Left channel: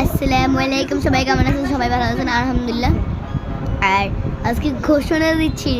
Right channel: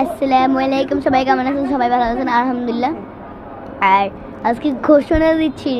আসসালামু আলাইকুম, সবাই কেমন আছেন? সবাই ভালো আছেন আলহামদুলিল্লাহ। আর আজকে ঘোষণা দিচ্ছি,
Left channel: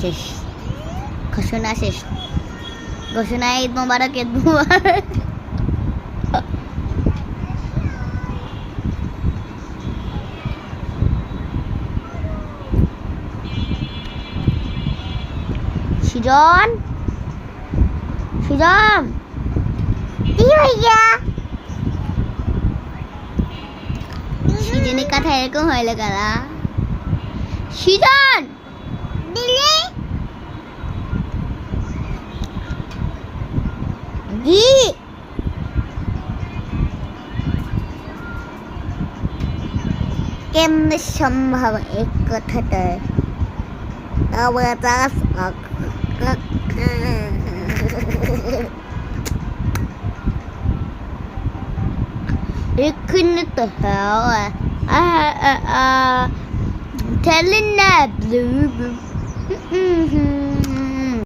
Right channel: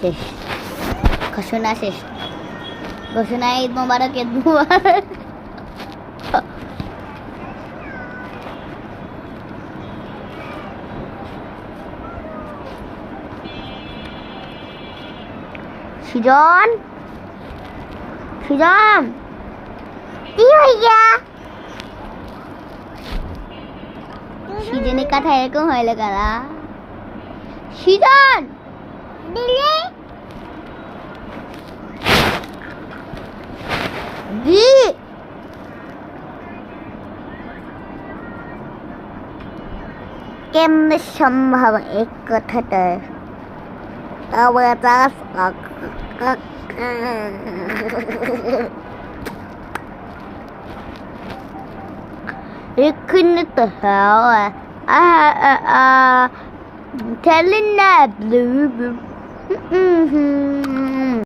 শেষ ঘোষণা শেষ। ঘোষণা ঈদ মোবারক, ঈদ মোবারক। সুজন, সুজন কি হইয়া? সুজনের কথা এরকম হইলো কারা? সুজন দিলি দি কেমনে সম্ভব এক কথাটা? এক্ষুনি তো telling that blue